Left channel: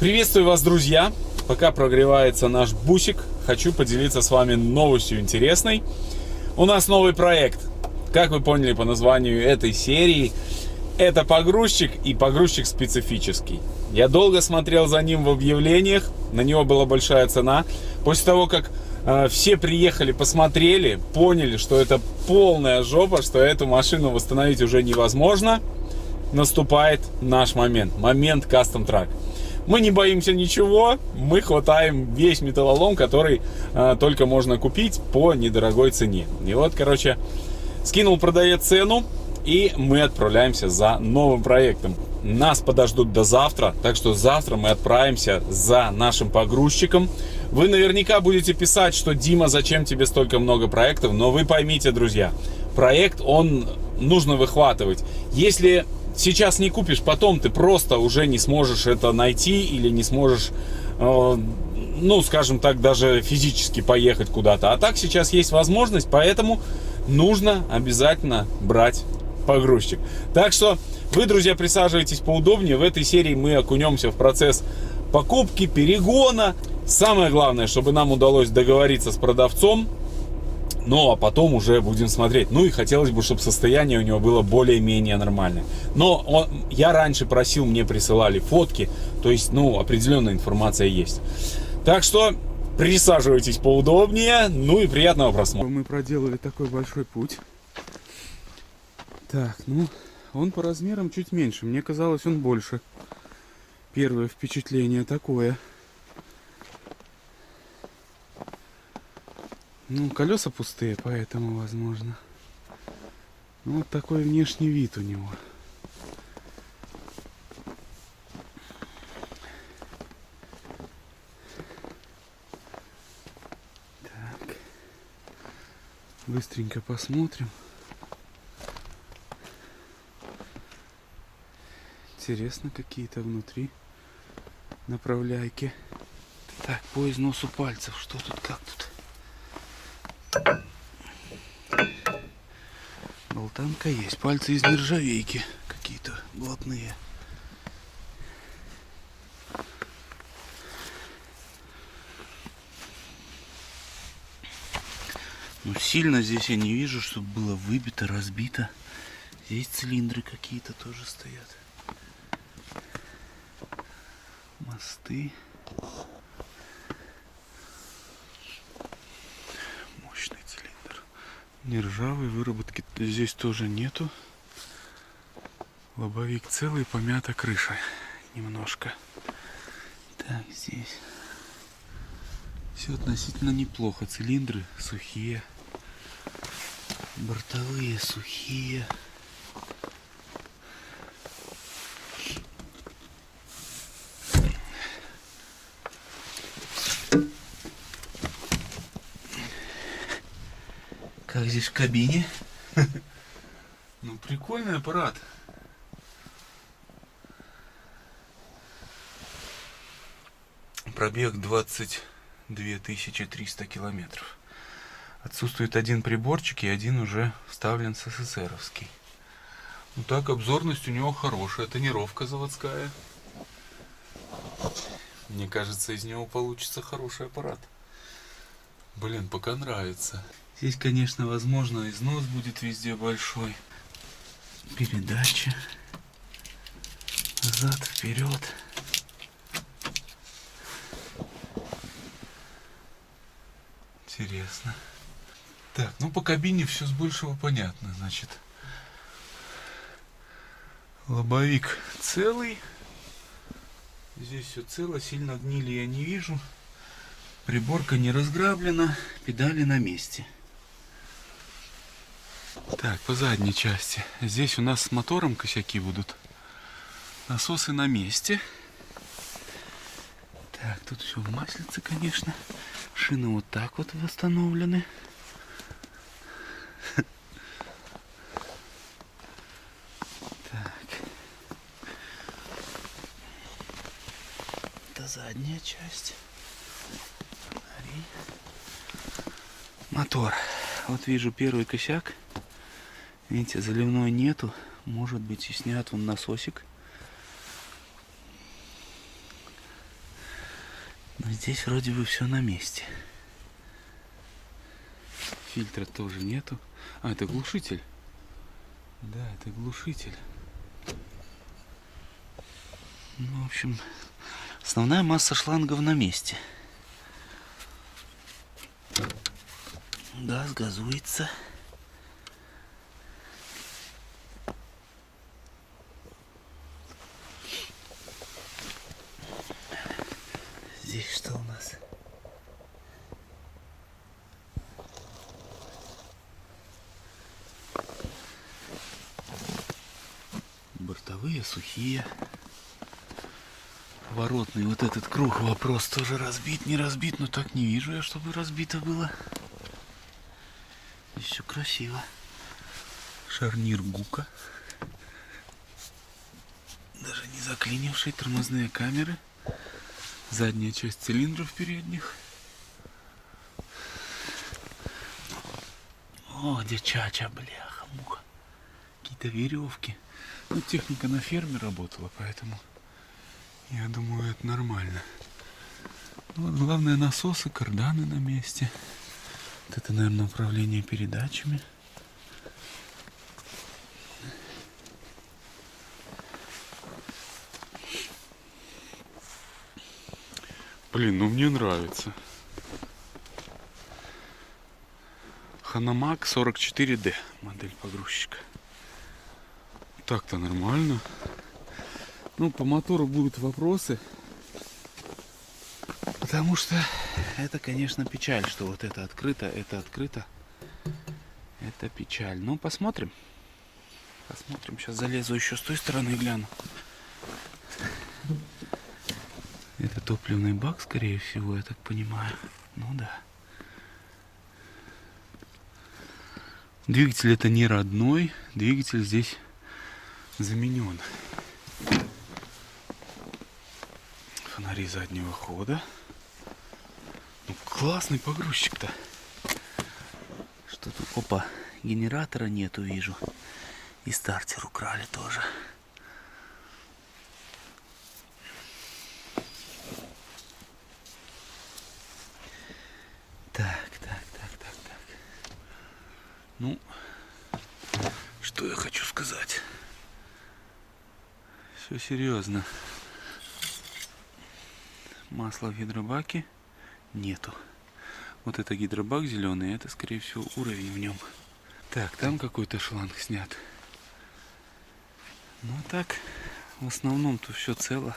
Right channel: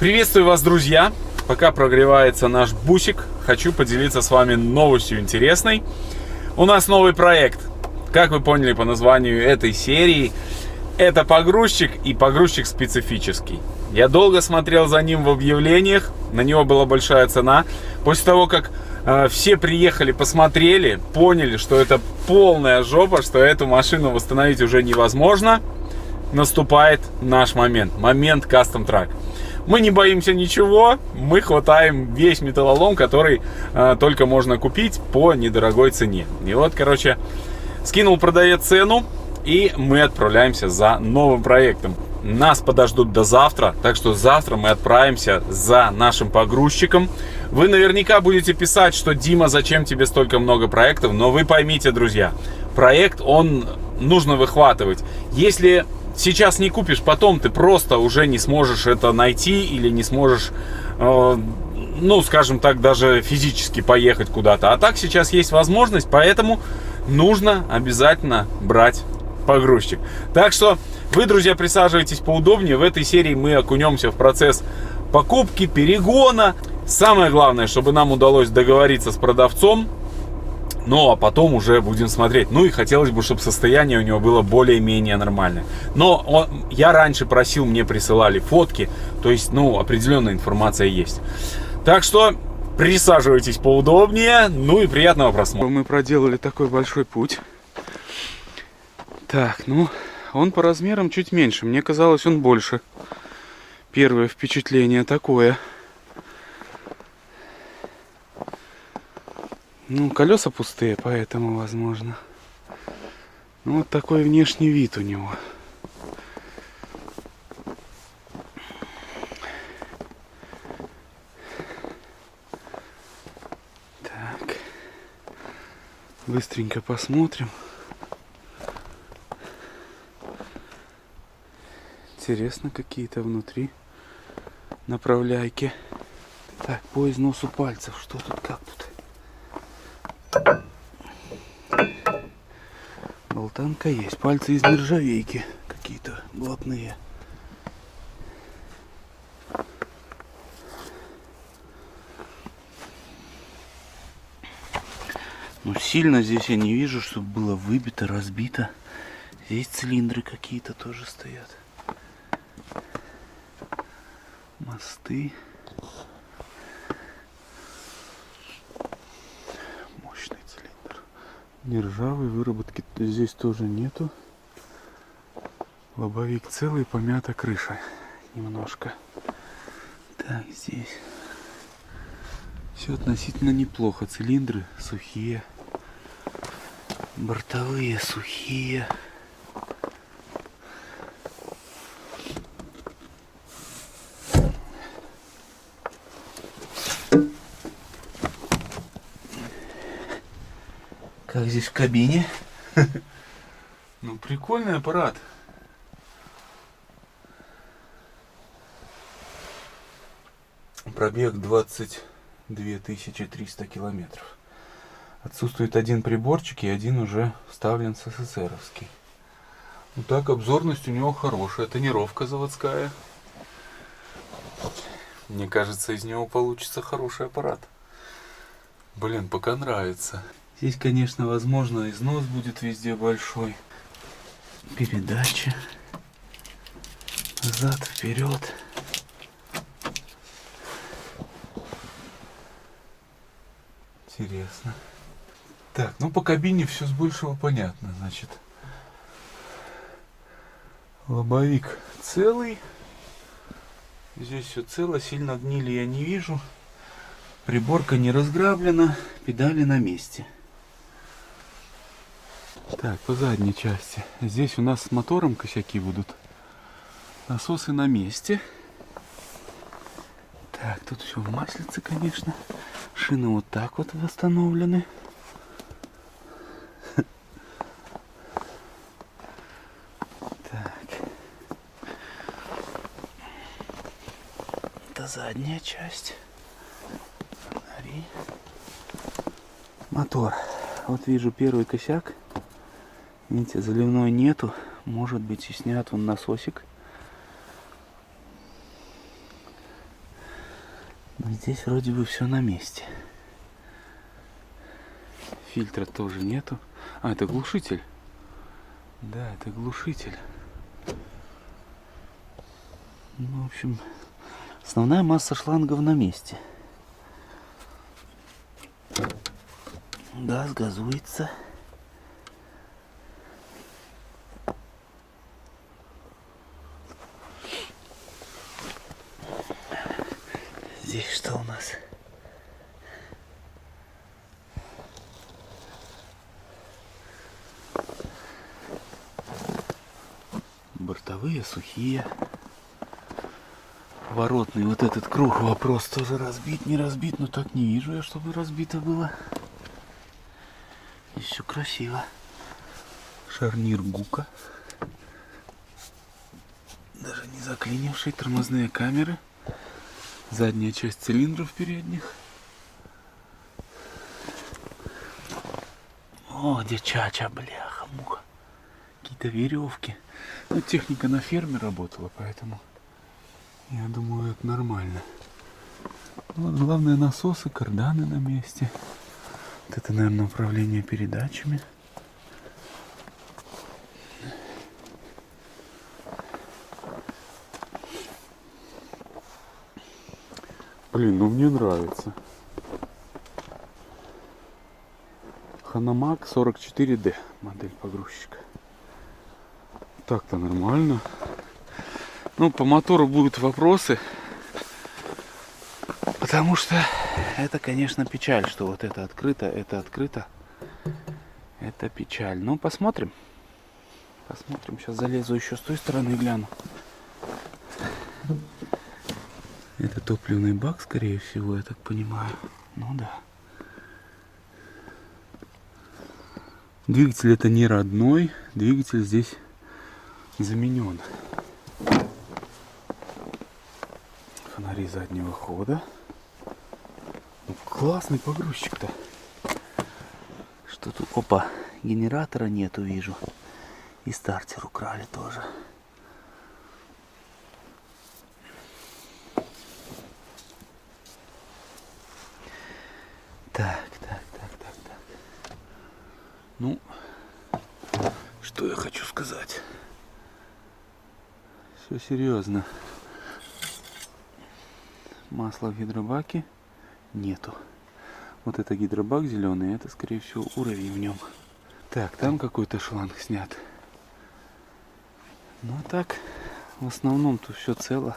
Приветствую вас, друзья! Пока прогревается наш бусик, хочу поделиться с вами новостью интересной. У нас новый проект. Как вы поняли по названию этой серии, это погрузчик, и погрузчик специфический. Я долго смотрел за ним в объявлениях, на него была большая цена. После того, как все приехали, посмотрели, поняли, что это полная жопа, что эту машину восстановить уже невозможно, наступает наш момент. Момент Custom Truck. Мы не боимся ничего, мы хватаем весь металлолом, который только можно купить по недорогой цене. И вот, короче, скинул продавец цену, и мы отправляемся за новым проектом. Нас подождут до завтра, так что завтра мы отправимся за нашим погрузчиком. Вы наверняка будете писать, что Дима, зачем тебе столько много проектов, но вы поймите, друзья, проект, он нужно выхватывать. Если сейчас не купишь, потом ты просто уже не сможешь это найти или не сможешь, ну, скажем так, даже физически поехать куда-то. А так сейчас есть возможность, поэтому нужно обязательно брать погрузчик. Так что вы, друзья, присаживайтесь поудобнее. В этой серии мы окунемся в процесс покупки, перегона. Самое главное, чтобы нам удалось договориться с продавцом. Ну, а потом уже будем смотреть. Ну, и хотелось бы, чтобы состояние у него было более-менее нормальное. Но я раньше просил, мне присылали фотки. То есть, ну, определенная информация есть. Так что присаживайтесь поудобнее. Ну и приятного просмотра. Мы проделали такой большой путь. Так, ну, он по размерам чуть меньше. Мне казалось, он больше. Первое впечатление такое. Ну, колеса пустые, поэтому возможно. Ну, вот такой внешний вид у него. Так. Быстренько посмотрим. Интересно, какие-то внутри направляйки. Так, по износу пальцев. Что тут, как тут? Болтанка есть. Пальцы из нержавейки какие-то блатные. Но сильно здесь я не вижу, чтобы было выбито, разбито. Здесь цилиндры какие-то тоже стоят. Мосты. Мощный цилиндр. Нержавой выработки здесь тоже нету. Лобовик целый, помята крыша немножко. Так, здесь все относительно неплохо. Цилиндры сухие. Бортовые сухие. Как здесь в кабине? Ну, прикольный аппарат. Пробег 22 300 километров. Отсутствует один приборчик, и один уже вставлен СССРовский. Ну так, обзорность у него хорошая. Тонировка заводская. Мне кажется, из него получится хороший аппарат. Блин, пока нравится. Здесь, конечно, возможно, износ будет везде большой. Передача. Назад, вперед. Интересно. Так, ну по кабине все с большего понятно, значит. Лобовик целый. Здесь все цело, сильно гнили я не вижу. Приборка не разграблена, педали на месте. Так, по задней части. Здесь у нас с мотором косяки будут. Насосы на месте. Так, тут все в маслице, конечно. Шины вот так вот восстановлены. Так. Это задняя часть. Фонари. Мотор. Вот вижу первый косяк. Видите, заливной нету. Может быть и снят вон насосик. Но здесь вроде бы все на месте. Фильтра тоже нету. А, это глушитель. Да, это глушитель. Ну, в общем, основная масса шлангов на месте. Газ газуется. Здесь что у нас? Бортовые сухие. Поворотный вот этот круг, вопрос тоже разбит, не разбит, но так не вижу я, чтобы разбито было. Здесь все красиво. Шарнир Гука. Даже не заклинивший, тормозные камеры. Задняя часть цилиндров передних. О, где чача, бляха, муха. Какие-то веревки. Ну, техника на ферме работала, поэтому я думаю, это нормально. Ну, вот главное, насосы, карданы на месте. Вот это, наверное, управление передачами. Блин, ну мне нравится. Ханамак 44D, модель погрузчика. Так-то нормально. Ну, по мотору будут вопросы. Потому что это, конечно, печаль, что вот это открыто, это открыто. Это печаль. Ну, посмотрим. Посмотрим. Сейчас залезу еще с той стороны и гляну. Это топливный бак, скорее всего, я так понимаю. Ну да. Двигатель это не родной. Двигатель здесь заменен. Фонари заднего хода. Ну, классный погрузчик-то. Что тут? Опа, генератора нету, вижу. И стартер украли тоже. Так. Ну, что я хочу сказать? Все серьезно. Масла в гидробаке нету. Вот это гидробак зеленый, это, скорее всего, уровень в нем. Так, там какой-то шланг снят. Ну, а так, в основном тут все цело.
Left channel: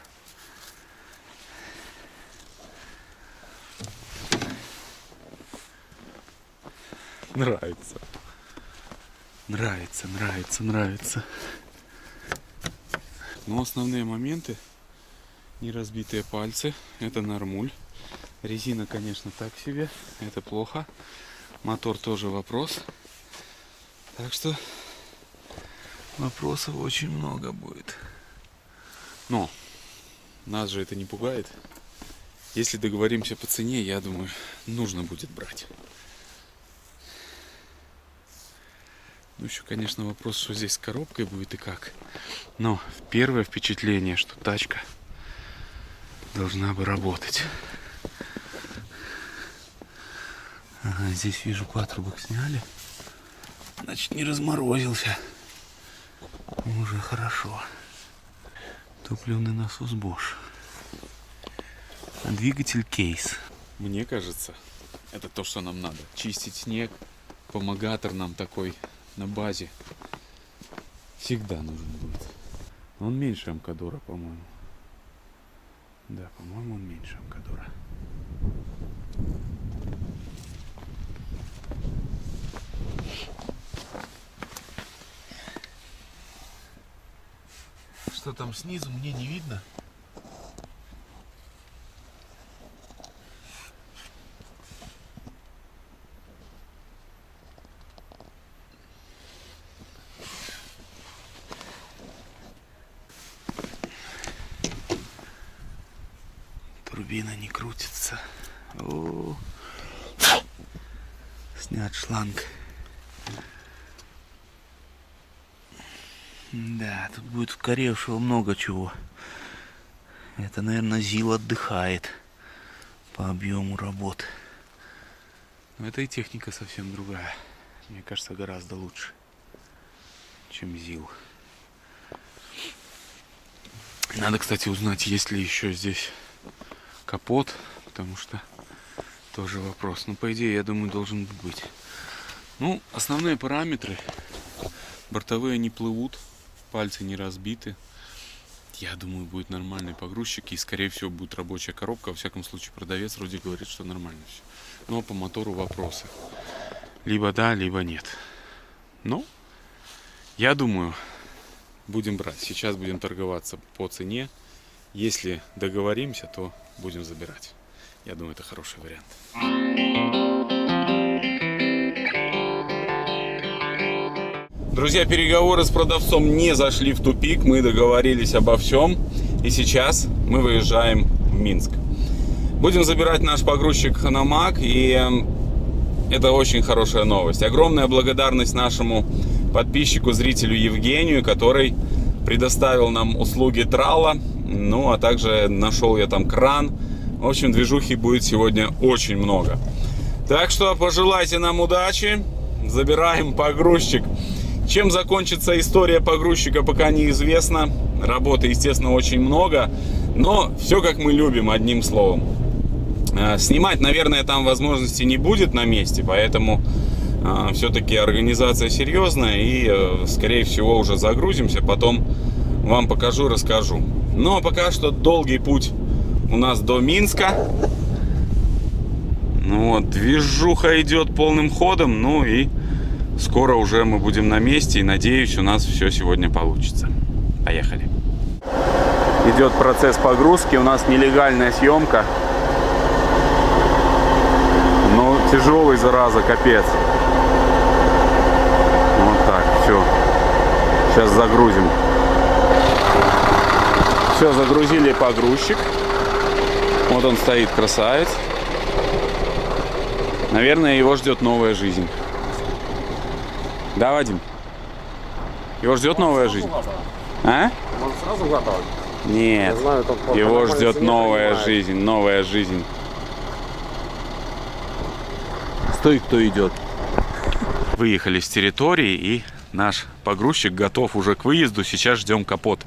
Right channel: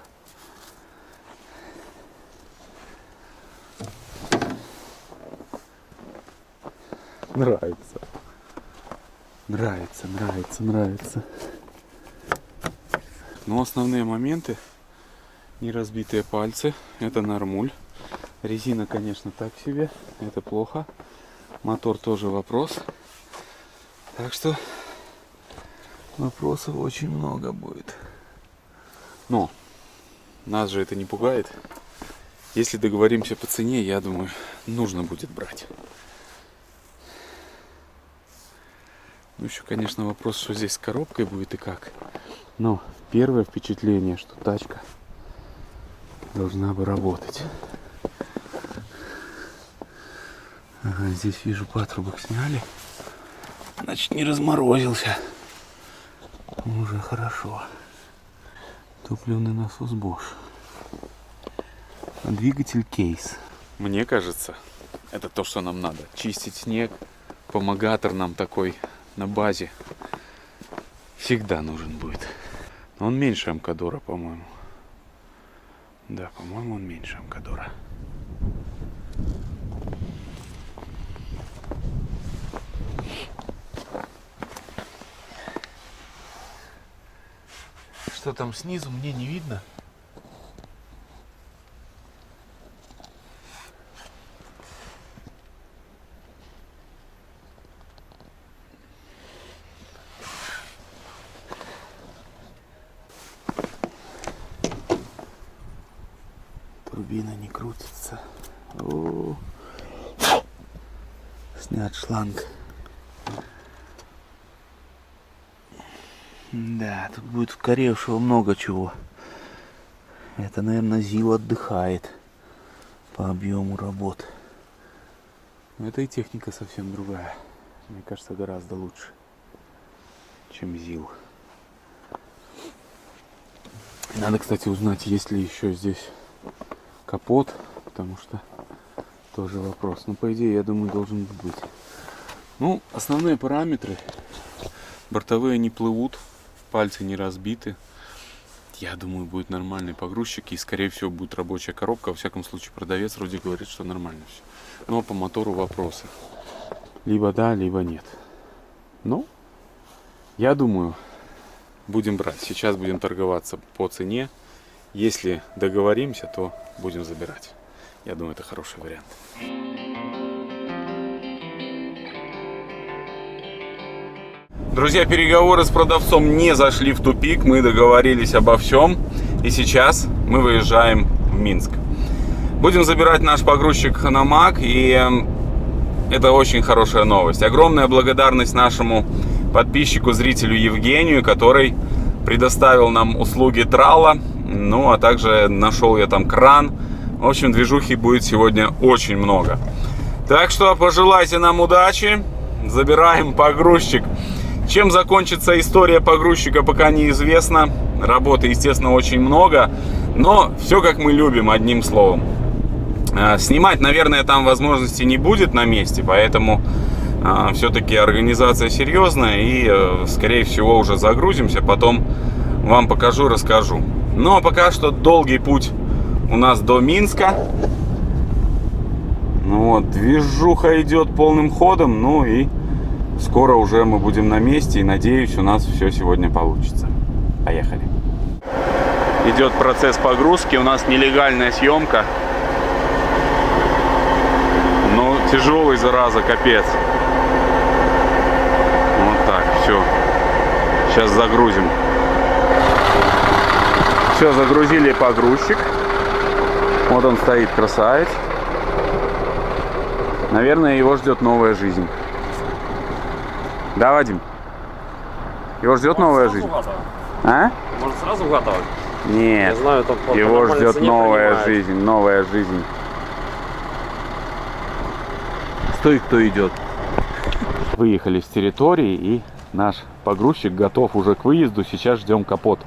Нравится. Нравится. Но основные моменты: не разбитые пальцы, это нормуль. Резина, конечно, так себе, это плохо. Мотор тоже вопрос. Так что вопросов очень много будет. Но нас же это не пугает. Если договоримся по цене, я думаю, нужно будет брать. Ну, еще, конечно, вопрос, что здесь с коробкой будет и как. Но первое впечатление, что тачка должна бы работать. Ага, здесь вижу, патрубок сняли. Значит, не разморозился. Уже хорошо. Топливный насос Bosch. А двигатель кейс. Мне кажется, это то, что нам надо. Чистить снег. Помогатор нам такой на базе всегда нужен будет. Он меньше Амкадора, по-моему. Да, по-моему, он меньше Амкадора. Что там снизу, мне не видно. Турбина не крутится. О-о-о. Снят шланг. Да, тут будет укоревшего много чего. Это, наверное, ЗИЛ отдыхает. по объему работ. Но это и техника совсем другая. Мне кажется, гораздо лучше, чем ЗИЛ. Надо, кстати, узнать, есть ли еще здесь капот, потому что тоже вопрос. Ну, по идее, я думаю, должен быть. Ну, основные параметры. Бортовые не плывут, пальцы не разбиты. Я думаю, будет нормальный погрузчик и, скорее всего, будет рабочая коробка. Во всяком случае, продавец вроде говорит, что нормально все. Но по мотору вопросы. Либо да, либо нет. Ну, я думаю, будем брать. Сейчас будем торговаться по цене. Если договоримся, то будем забирать. Я думаю, это хороший вариант. Друзья, переговоры с продавцом не зашли в тупик. Мы договорились обо всем. И сейчас мы выезжаем в Минск. Будем забирать наш погрузчик Ханамак. И это очень хорошая новость. Огромная благодарность нашему подписчику, зрителю Евгению, который предоставил нам услуги трала. Ну, а также нашел я там кран. В общем, движухи будет сегодня очень много. Так что пожелайте нам удачи. Забираем погрузчик. Чем закончится история погрузчика, пока неизвестно. Работы, естественно, очень много. Но все как мы любим, одним словом. Снимать, наверное, там возможности не будет на месте. Поэтому все-таки организация серьезная. И, скорее всего, уже загрузимся. Потом вам покажу, расскажу. Но пока что долгий путь у нас до Минска. Ну вот, движуха идет полным ходом. Ну и скоро уже мы будем на месте. И надеюсь, у нас все сегодня получится. Поехали. Идет процесс погрузки. У нас нелегальная съемка. Ну, тяжелый, зараза, капец. Вот так, все. Сейчас загрузим. Все, загрузили погрузчик. Вот он стоит, красавец. Наверное, его ждет новая жизнь. Да, Вадим? Его ждет новая жизнь? А? Может, сразу готовить? Нет. Я знаю, там его ждет новая жизнь. Новая жизнь. Стой, кто идет. Выехали с территории, и наш погрузчик готов уже к выезду. Сейчас ждем капот.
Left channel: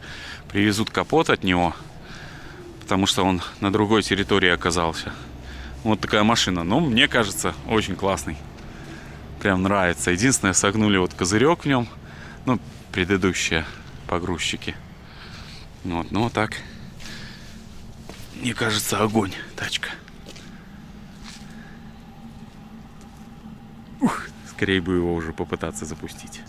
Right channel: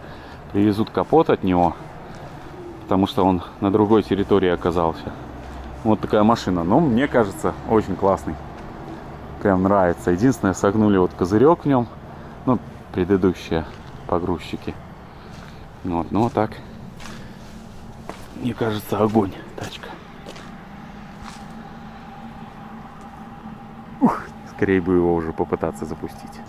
Привезут капот от него, потому что он на другой территории оказался. Вот такая машина. Но мне кажется, очень классный. Прям нравится. Единственное, согнули вот козырек в нем. Ну, предыдущие погрузчики. Вот, ну вот так. Мне кажется, огонь, тачка. Ух, скорее бы его уже попытаться запустить.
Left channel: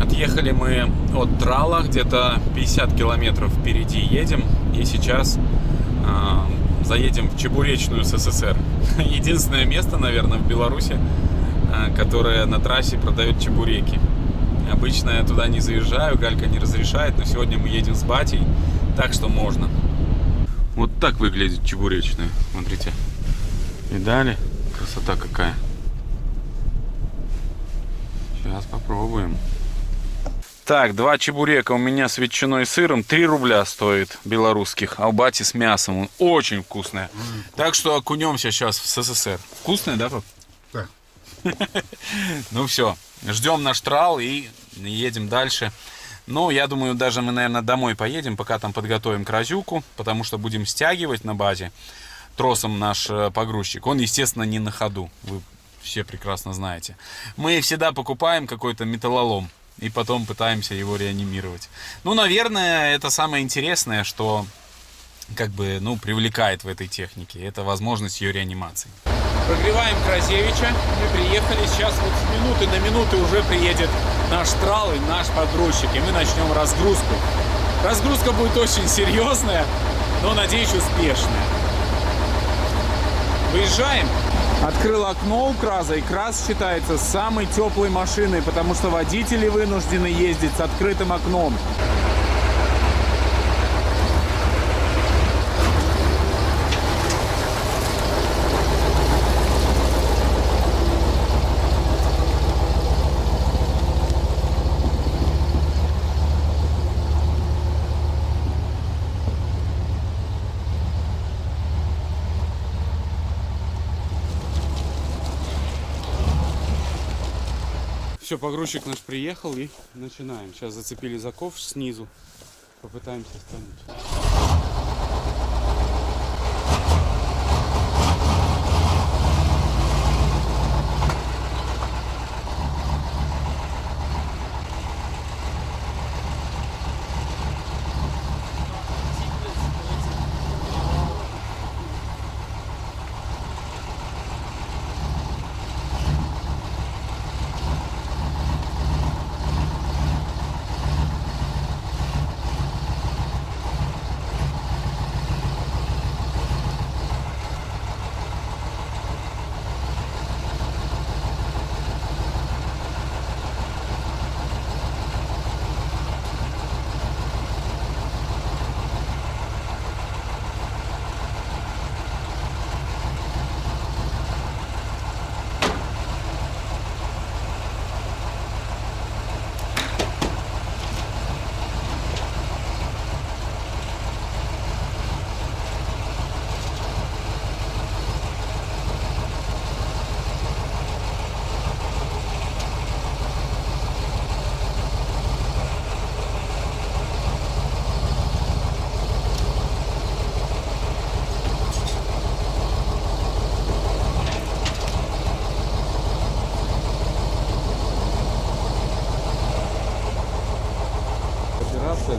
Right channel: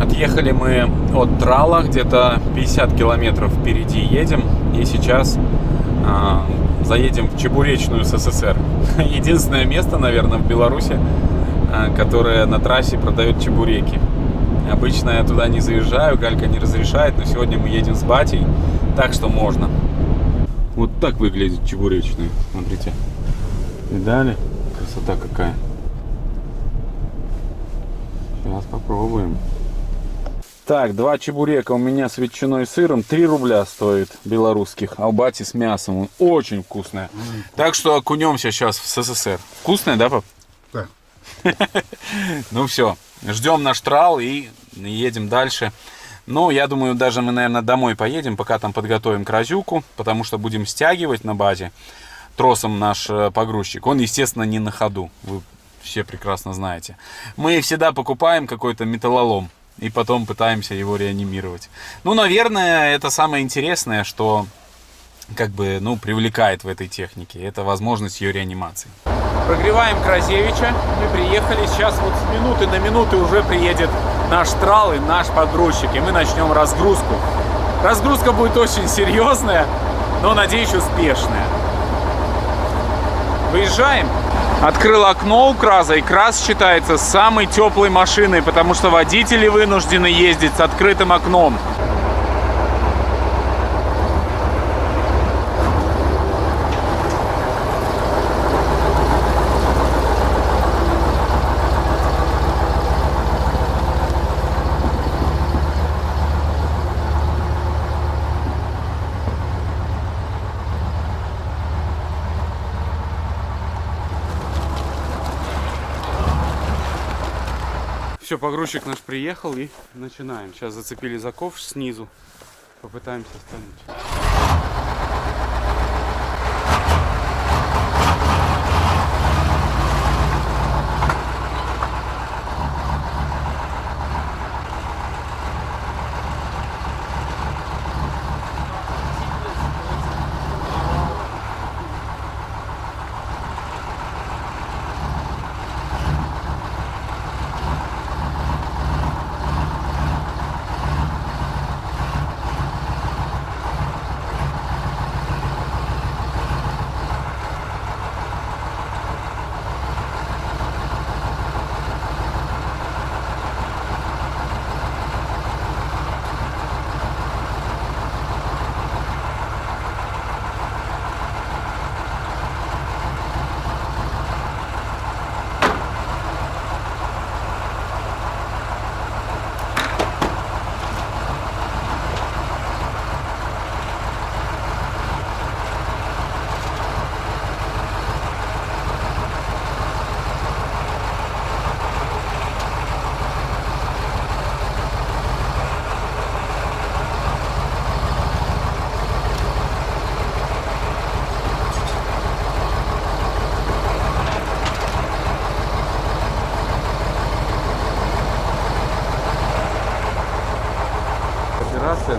Отъехали мы от трала, где-то 50 километров впереди едем. И сейчас заедем в Чебуречную СССР. Единственное место, наверное, в Беларуси, которое на трассе продает чебуреки. Обычно я туда не заезжаю, Галька не разрешает, но сегодня мы едем с батей, так что можно. Вот так выглядит Чебуречная, смотрите. Видали? Красота какая. Сейчас попробуем. Так, 2 чебурека у меня с ветчиной и сыром 3 рубля стоит белорусских, а у бати с мясом. Он очень вкусная. Так что окунемся сейчас в СССР. Вкусная, да, пап? Да. Ну все, ждем наш трал и едем дальше. Ну, я думаю, даже мы, наверное, домой поедем, пока там подготовим кразюку, потому что будем стягивать на базе тросом наш погрузчик. Он, естественно, не на ходу, вы все прекрасно знаете. Мы всегда покупаем какой-то металлолом и потом пытаемся его реанимировать. Ну, наверное, это самое интересное, что как бы, ну, привлекает в этой технике. Это возможность ее реанимации. Прогреваем Кразевича. Мы приехали. Сейчас вот с минуты на минуту уже приедет наш трал и наш погрузчик. И мы начнем разгрузку. Разгрузка будет очень серьезная, но, надеюсь, успешная. Выезжаем. Открыл окно у Краза, и Краз считается самой теплой машиной, потому что водители вынуждены ездить с открытым окном. Все, погрузчик наш приехал и начинаем. Сейчас зацепили за ковш снизу. Попытаемся стануть.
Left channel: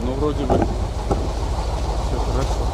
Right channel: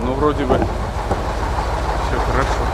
Ну, вроде бы все хорошо.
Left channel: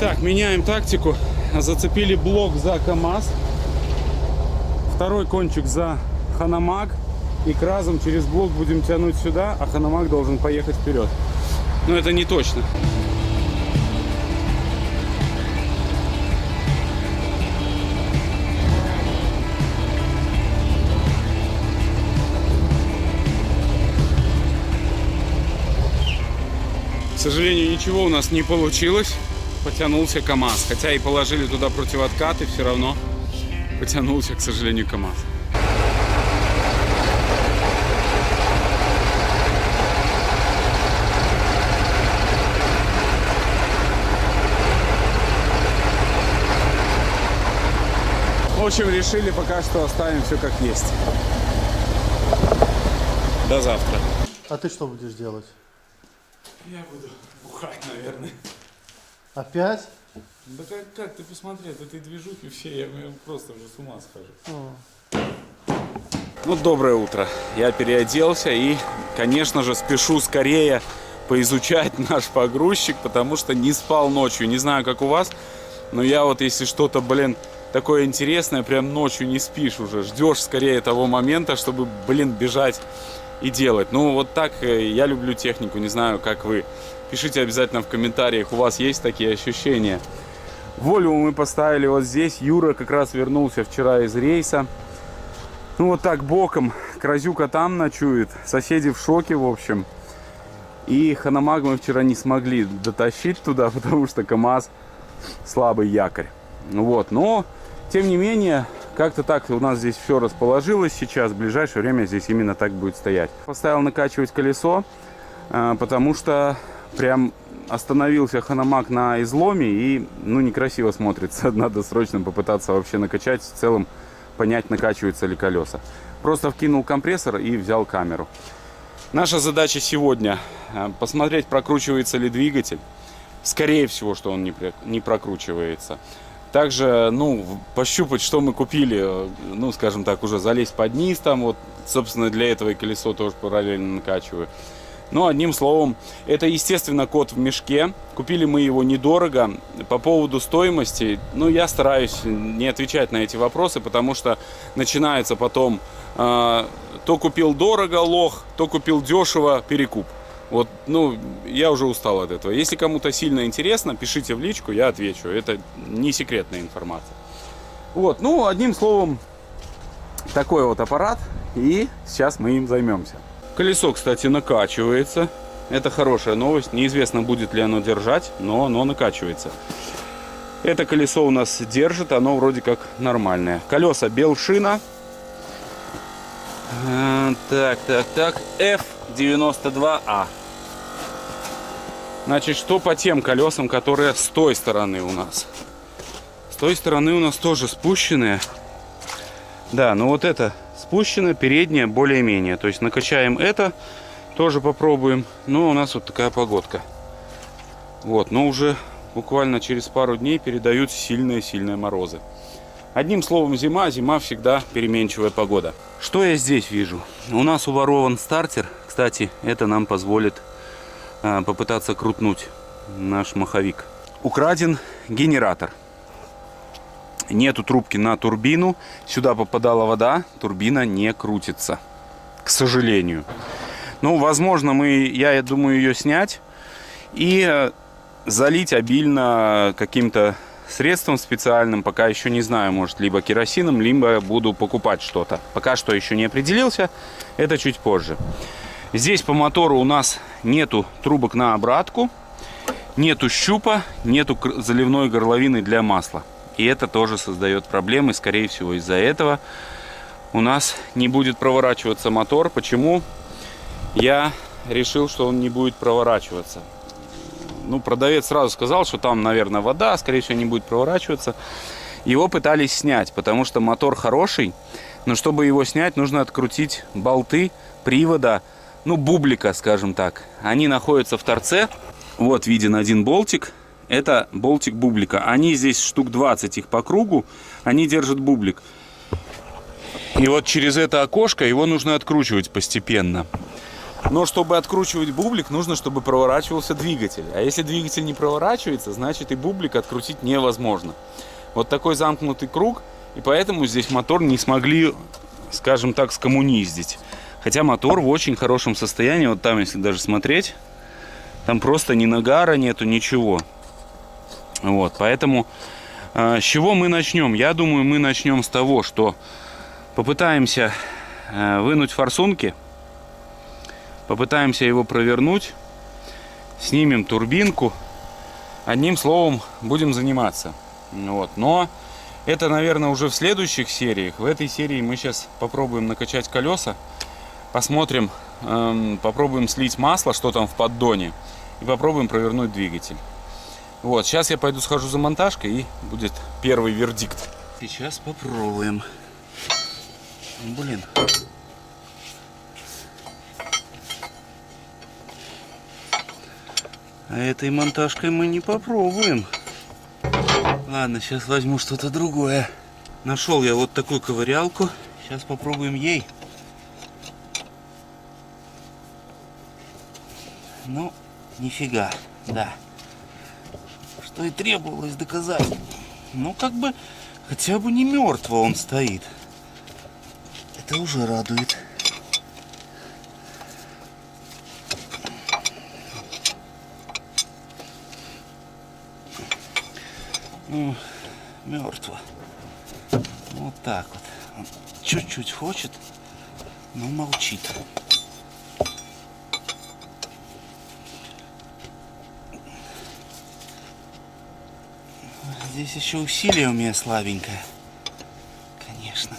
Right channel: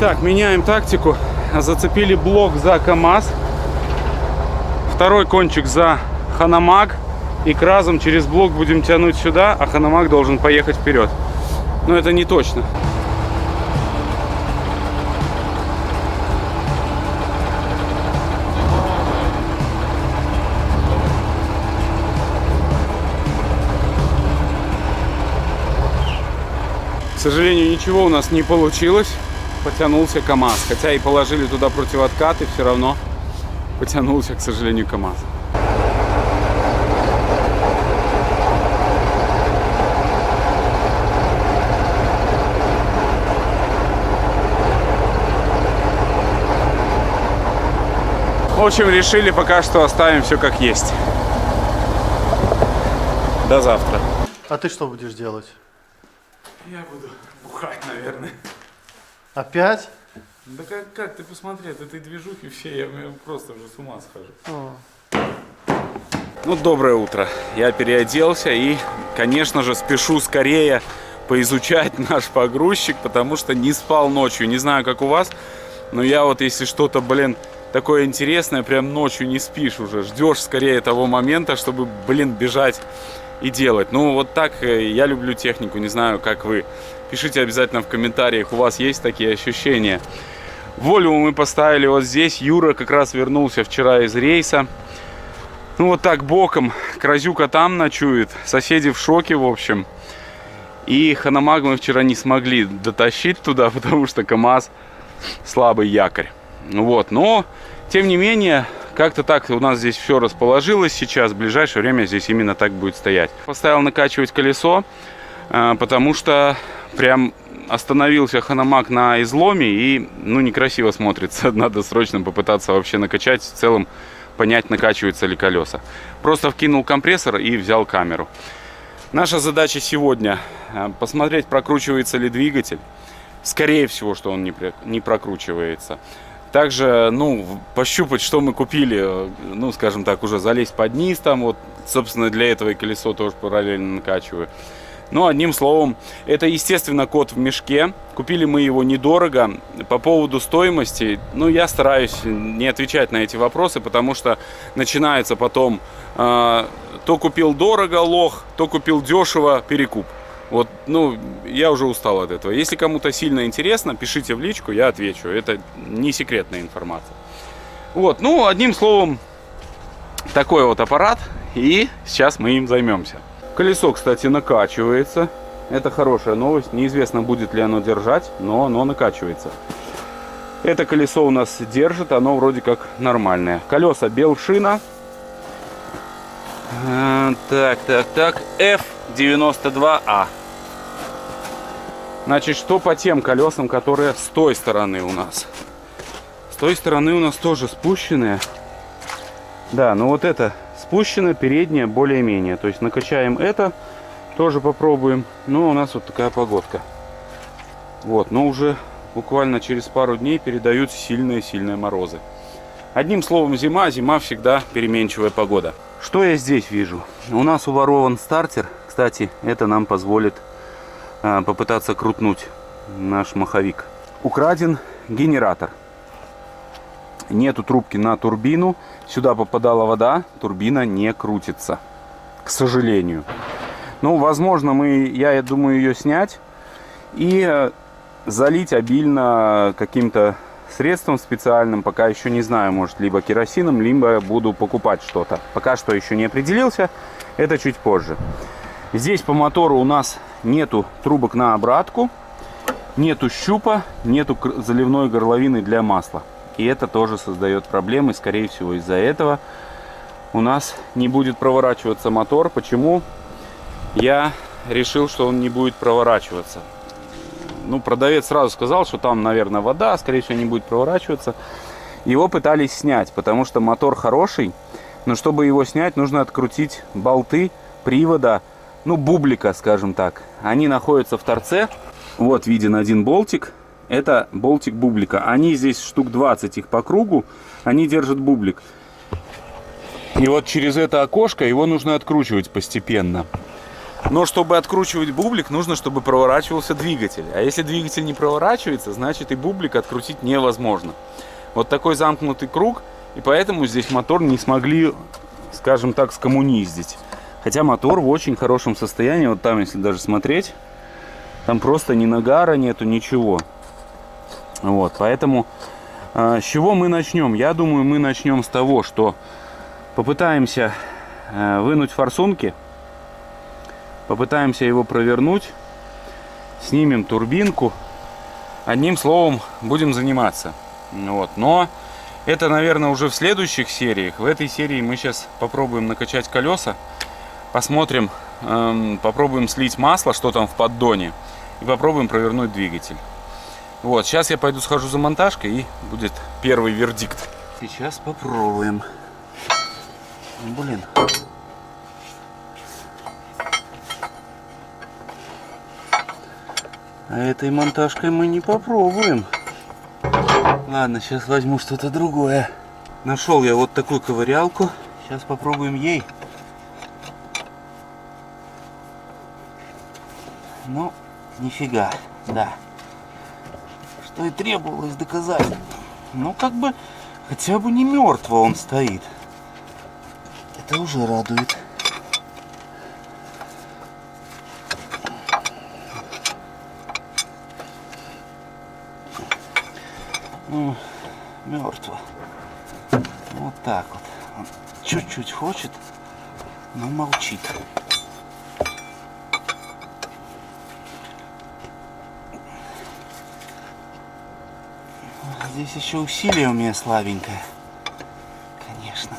Так, меняем тактику. Зацепили блок за КамАЗ. Второй кончик за Ханамаг. И Кразом через блок будем тянуть сюда, а Ханамаг должен поехать вперед. Но это не точно. К сожалению, ничего у нас не получилось. Потянулся КамАЗ. Хотя и положили туда противоткаты, все равно потянулся, к сожалению, КамАЗ. В общем, решили пока что оставим все как есть. До завтра. А ты что будешь делать? Я буду бухать, наверное. Опять? Да как ты посмотри, от этой движухи все, я просто уже с ума схожу. Ну, доброе утро. Я переоделся и, конечно же, спешу скорее поизучать наш погрузчик, потому что не спал ночью. Не знаю, как у вас, но я вот, если что-то, блин, такое интересное, прям ночью не спишь уже. Ждешь скорее того момента, чтобы, блин, бежать и делать. Ну, вот так я люблю технику, не знаю, как вы. Пишите обязательно в комментариях, у вас есть такие ощущения. Вольву мы поставили вот здесь. Юра как раз вернулся вчера из рейса. Ну, вот так боком. Кразюка там ночует. Соседи в шоке, в общем. И Ханамаг мы вчера не смогли дотащить туда, потому что КамАЗ слабый якорь. Вот, но, тем не менее, как-то так у нас здесь все расположилось сейчас. В ближайшее время здесь именно так будет стоять. Поставил накачивать колесо, потому что прям остановился Ханамаг на изломе и, ну, некрасиво смотрится. Надо срочно попытаться вообще накачать, в целом понять, накачиваются ли колеса. Просто вкинул компрессор и взял камеру. Наша задача сегодня посмотреть, прокручивается ли двигатель. Скорее всего, что он не прокручивается. Также, ну, пощупать, что мы купили, ну, скажем так, уже залезть под низ там, вот, собственно, для этого и колесо тоже параллельно накачиваю. Ну, одним словом, это, естественно, кот в мешке. Купили мы его недорого. По поводу стоимости, ну, я стараюсь не отвечать на эти вопросы, потому что начинается потом то купил дорого, лох, то купил дешево, перекуп. Вот, ну, я уже устал от этого. Если кому-то сильно интересно, пишите в личку, я отвечу. Это не секретная информация. Вот, ну, одним словом, такой вот аппарат. И сейчас мы им займемся. Колесо, кстати, накачивается. Это хорошая новость. Неизвестно, будет ли оно держать, но оно накачивается. Это колесо у нас держит, оно вроде как нормальное. Колеса Белшина. Так, F92A. Значит, что по тем колесам, которые с той стороны у нас? С той стороны у нас тоже спущенные. Да, ну вот это спущено, переднее более-менее. То есть накачаем это, тоже попробуем. Но у нас вот такая погодка. Вот, но уже буквально через пару дней передают сильные-сильные морозы. Одним словом, зима всегда переменчивая погода. Что я здесь вижу? У нас уворован стартер. Кстати, это нам позволит попытаться крутнуть наш маховик. Украден генератор. Нету трубки на турбину. Сюда попадала вода, турбина не крутится. К сожалению. Ну, возможно, я думаю, ее снять и залить обильно каким-то средством специальным. Пока еще не знаю, может, либо керосином, либо буду покупать что-то. Пока что еще не определился. Это чуть позже. Здесь по мотору у нас нету трубок на обратку, нету щупа, нету заливной горловины для масла. И это тоже создает проблемы. Скорее всего, из-за этого у нас не будет проворачиваться мотор. Почему? Я решил, что он не будет проворачиваться. Ну, продавец сразу сказал, что там, наверное, вода, скорее всего, не будет проворачиваться. Его пытались снять, потому что мотор хороший. Но чтобы его снять, нужно открутить болты привода, ну, бублика, скажем так. Они находятся в торце. Вот виден один болтик. Это болтик бублика. Они здесь штук 20 их по кругу. Они держат бублик. И вот через это окошко его нужно откручивать постепенно. Но чтобы откручивать бублик, нужно, чтобы проворачивался двигатель. А если двигатель не проворачивается, значит и бублик открутить невозможно. Вот такой замкнутый круг. И поэтому здесь мотор не смогли, скажем так, скоммуниздить. Хотя мотор в очень хорошем состоянии. Вот там, если даже смотреть, там просто ни нагара нету, ничего. Вот, поэтому с чего мы начнем? Я думаю, мы начнем с того, что попытаемся вынуть форсунки. Попытаемся его провернуть. Снимем турбинку. Одним словом, будем заниматься. Вот. Но Это, наверное, уже в следующих сериях. В этой серии мы сейчас попробуем накачать колеса. Посмотрим, попробуем слить масло, что там в поддоне. И попробуем провернуть двигатель. Вот, сейчас я пойду схожу за монтажкой и будет первый вердикт. Сейчас попробуем. Блин. А этой монтажкой мы не попробуем. Ладно, сейчас возьму что-то другое. Нашел я вот такую ковырялку. Сейчас попробуем ей. Ну, нифига, да. Что и требовалось доказать. Ну, как бы, хотя бы не мертво он стоит. Это уже радует. Ну, мертво. Вот так вот. Он чуть-чуть хочет, но молчит. Здесь еще усилие у меня слабенькое. Конечно.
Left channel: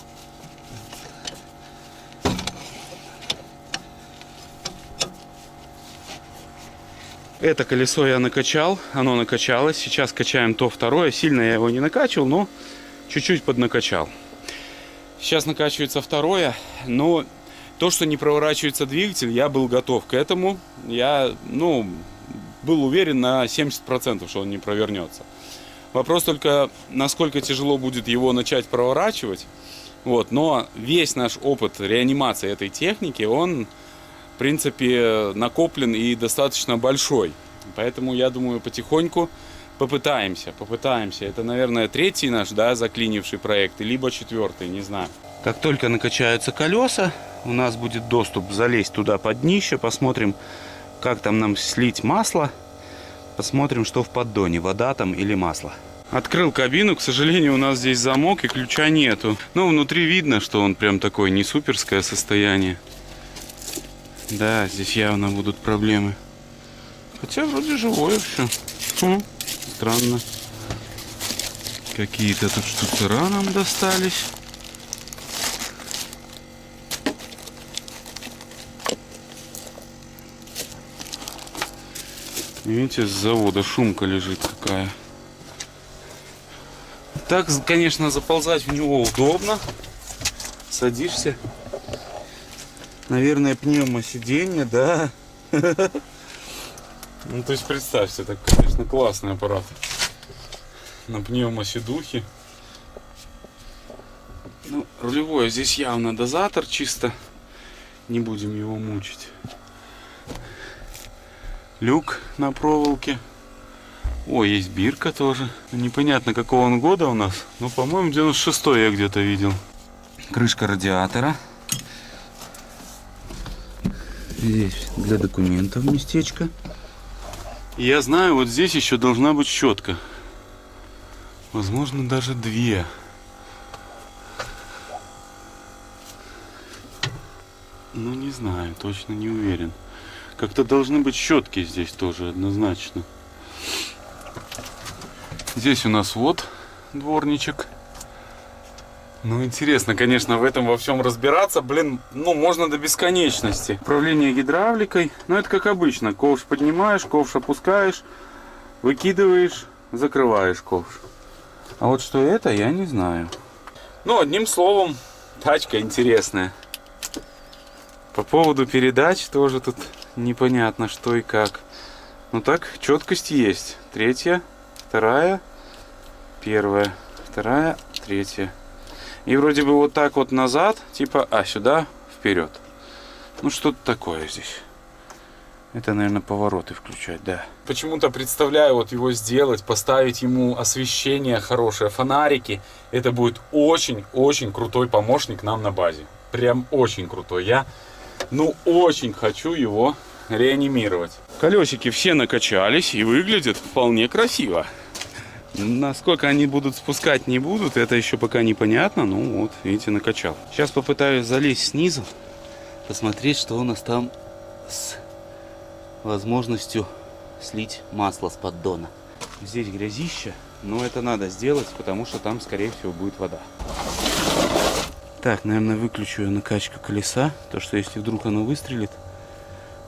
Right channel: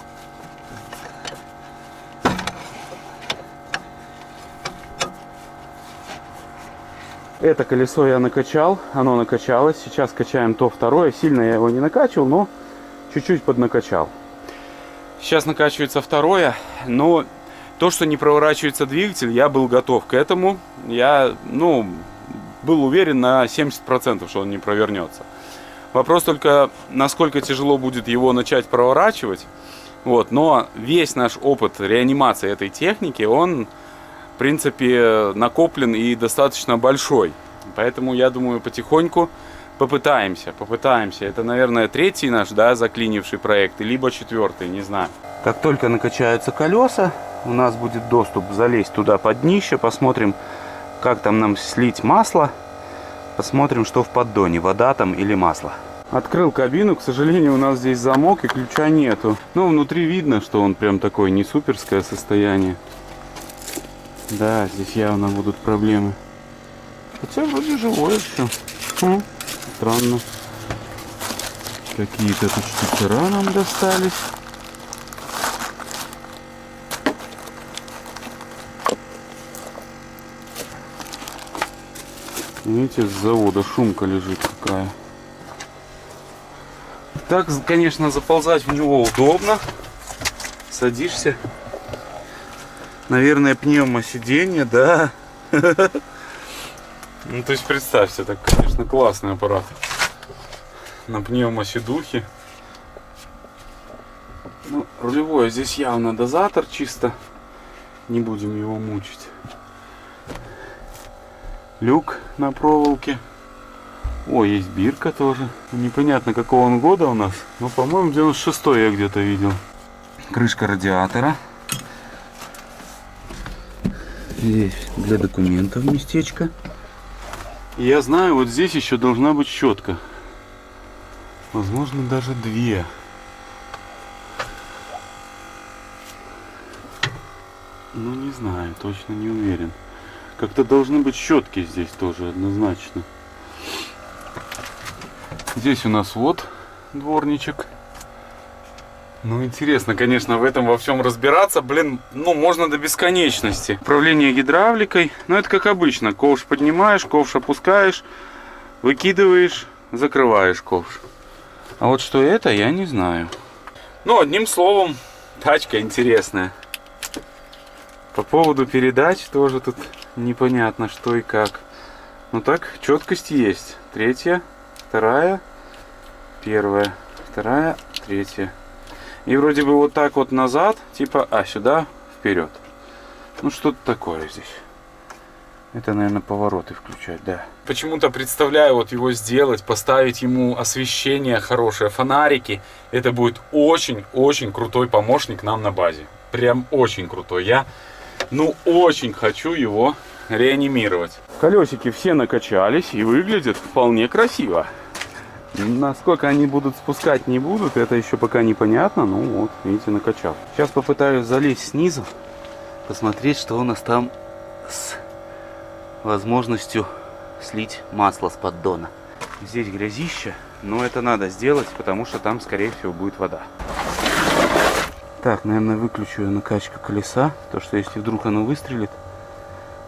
Это колесо я накачал, оно накачалось. Сейчас качаем то второе. Сильно я его не накачивал, но чуть-чуть поднакачал. Сейчас накачивается второе, но то, что не проворачивается двигатель, я был готов к этому. Я, был уверен на 70%, что он не провернется. Вопрос только, насколько тяжело будет его начать проворачивать. Вот. Но весь наш опыт реанимации этой техники, он, в принципе, накоплен и достаточно большой. Поэтому, я думаю, потихоньку попытаемся. Это, наверное, третий наш, заклинивший проект, либо четвертый, не знаю. Как только накачаются колеса, у нас будет доступ залезть туда под днище. Посмотрим, как там нам слить масло. Посмотрим, что в поддоне, вода там или масло. Открыл кабину, к сожалению, у нас здесь замок и ключа нету. Но внутри видно, что он прям такое не суперское состояние. Да, здесь явно будут проблемы. Хотя вроде живое все. Странно. Какие-то тут штуцера нам достались. Видите, с завода шумка лежит какая. Так, конечно, заползать в него удобно. Садишься. Наверное, пневмосиденье, да. Ну, то есть, представьте, это, конечно, классный аппарат. На пневмосидухе. Ну, рулевое здесь явно дозатор чисто. Не будем его мучить. Люк на проволоке. О, есть бирка тоже. Непонятно, какого он года у нас. Но, по-моему, 96-й я где-то видел. Крышка радиатора. Здесь для документов местечко. И я знаю, вот здесь еще должна быть щетка. Возможно, даже две. Ну, не знаю, точно не уверен. Как-то должны быть щетки здесь тоже однозначно. Здесь у нас вот дворничек. Ну, интересно, конечно, в этом во всем разбираться. Блин, можно до бесконечности. Управление гидравликой. Ну, это как обычно. Ковш поднимаешь, ковш опускаешь, выкидываешь, закрываешь ковш. А вот что это, я не знаю. Ну, одним словом, тачка интересная. По поводу передач тоже тут непонятно, что и как. Ну так, четкость есть. Третья, вторая, первая, вторая, третья. И вроде бы вот так вот назад, типа, сюда, вперед. Ну что-то такое здесь. Это, наверное, повороты включать, да. Почему-то представляю вот его сделать, поставить ему освещение хорошее, фонарики. Это будет очень-очень крутой помощник нам на базе. Прям очень крутой. Я, очень хочу его реанимировать. Колесики все накачались и выглядят вполне красиво. Насколько они будут спускать, не будут, это еще пока непонятно. Ну вот, видите, накачал. Сейчас попытаюсь залезть снизу, посмотреть, что у нас там с возможностью слить масло с поддона. Здесь грязище. Но это надо сделать, потому что там, скорее всего, будет вода. Так, наверное, выключу я накачку колеса. То, что если вдруг оно выстрелит,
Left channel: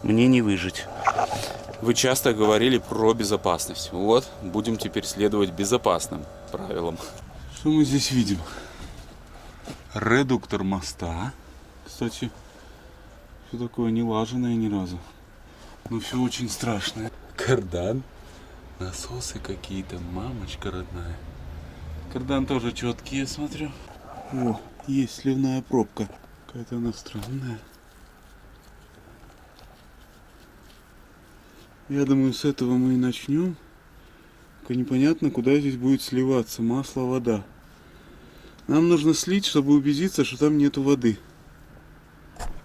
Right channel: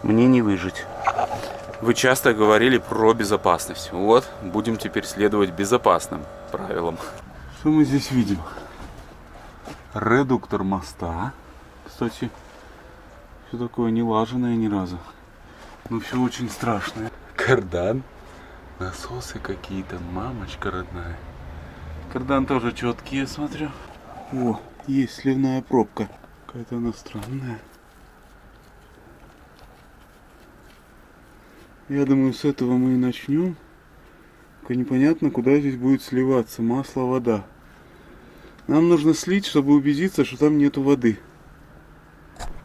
мне не выжить. Вы часто говорили про безопасность. Вот, будем теперь следовать безопасным правилам. Что мы здесь видим? Редуктор моста. Кстати, все такое не лаженое ни разу. Но все очень страшное. Кардан. Насосы какие-то. Мамочка родная. Кардан тоже четкий, я смотрю. О, есть сливная пробка. Какая-то она странная. Я думаю, с этого мы и начнем. Только непонятно, куда здесь будет сливаться масло, вода. Нам нужно слить, чтобы убедиться, что там нету воды.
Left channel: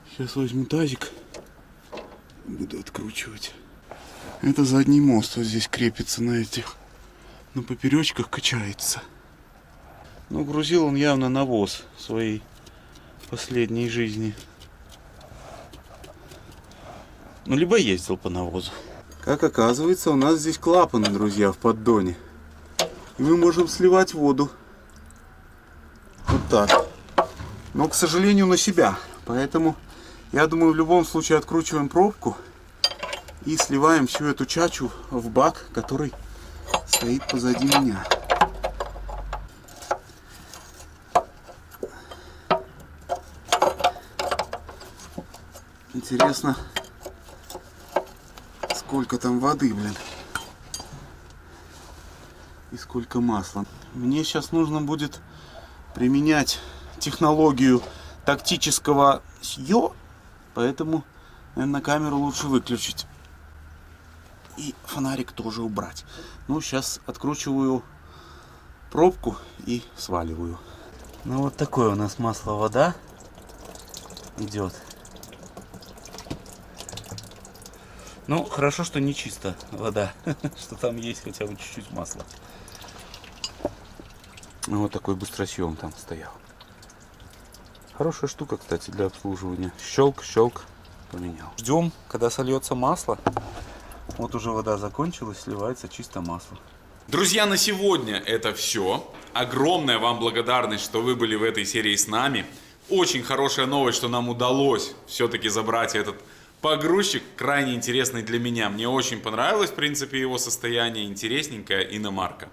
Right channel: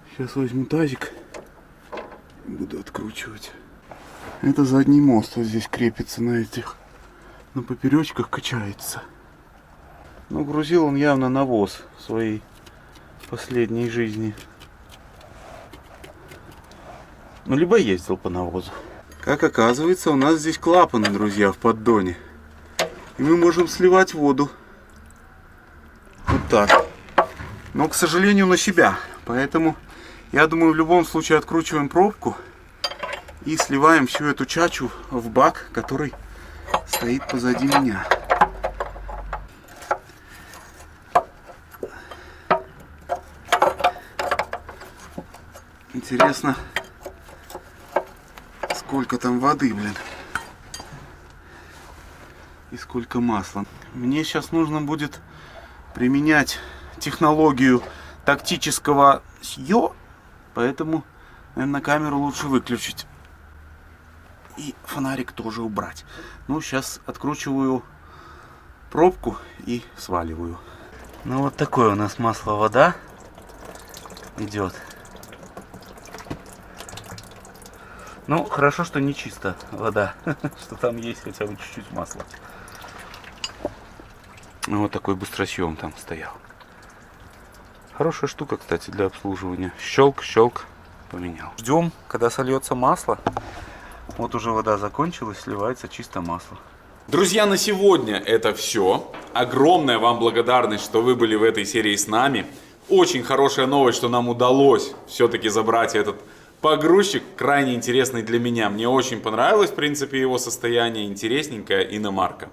Сейчас возьму тазик и буду откручивать. Это задний мост вот здесь крепится на этих, на поперечках качается. Ну, грузил он явно навоз в своей последней жизни. Ну, либо ездил по навозу. Как оказывается, у нас здесь клапаны, друзья, в поддоне. И мы можем сливать воду. Вот так. Но, к сожалению, на себя. Поэтому, я думаю, в любом случае откручиваем пробку и сливаем всю эту чачу в бак, который стоит позади меня. Интересно, сколько там воды, блин. И сколько масла. Мне сейчас нужно будет применять технологию тактического съё, поэтому, наверное, камеру лучше выключить. И фонарик тоже убрать. Ну, сейчас откручиваю пробку и сваливаю. Ну, вот такое у нас масло-вода идет. Ну, хорошо, что не чисто вода, что там есть хотя бы чуть-чуть масла. Вот такой быстросъем там стоял. Хорошая штука, кстати, для обслуживания. Щелк, щелк, поменял. Ждем, когда сольется масло. Вот уже вода закончилась, сливается чисто масло. Друзья, на сегодня это все. Огромная вам благодарность, что вы были в этой серии с нами. Очень хорошая новость, что нам удалось все-таки забрать этот погрузчик, крайне интересный для меня. Мне очень понравилось, в принципе, его состояние, интересненькая иномарка.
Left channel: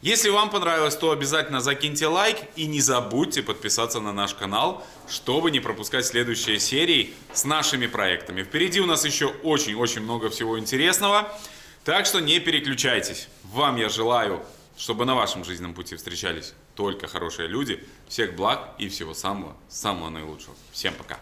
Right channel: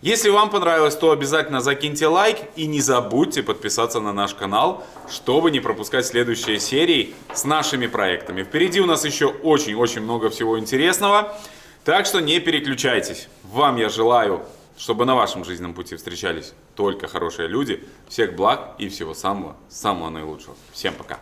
Если вам понравилось, то обязательно закиньте лайк и не забудьте подписаться на наш канал, чтобы не пропускать следующие серии с нашими проектами. Впереди у нас еще очень-очень много всего интересного, так что не переключайтесь. Вам я желаю, чтобы на вашем жизненном пути встречались только хорошие люди. Всех благ и всего самого наилучшего. Всем пока.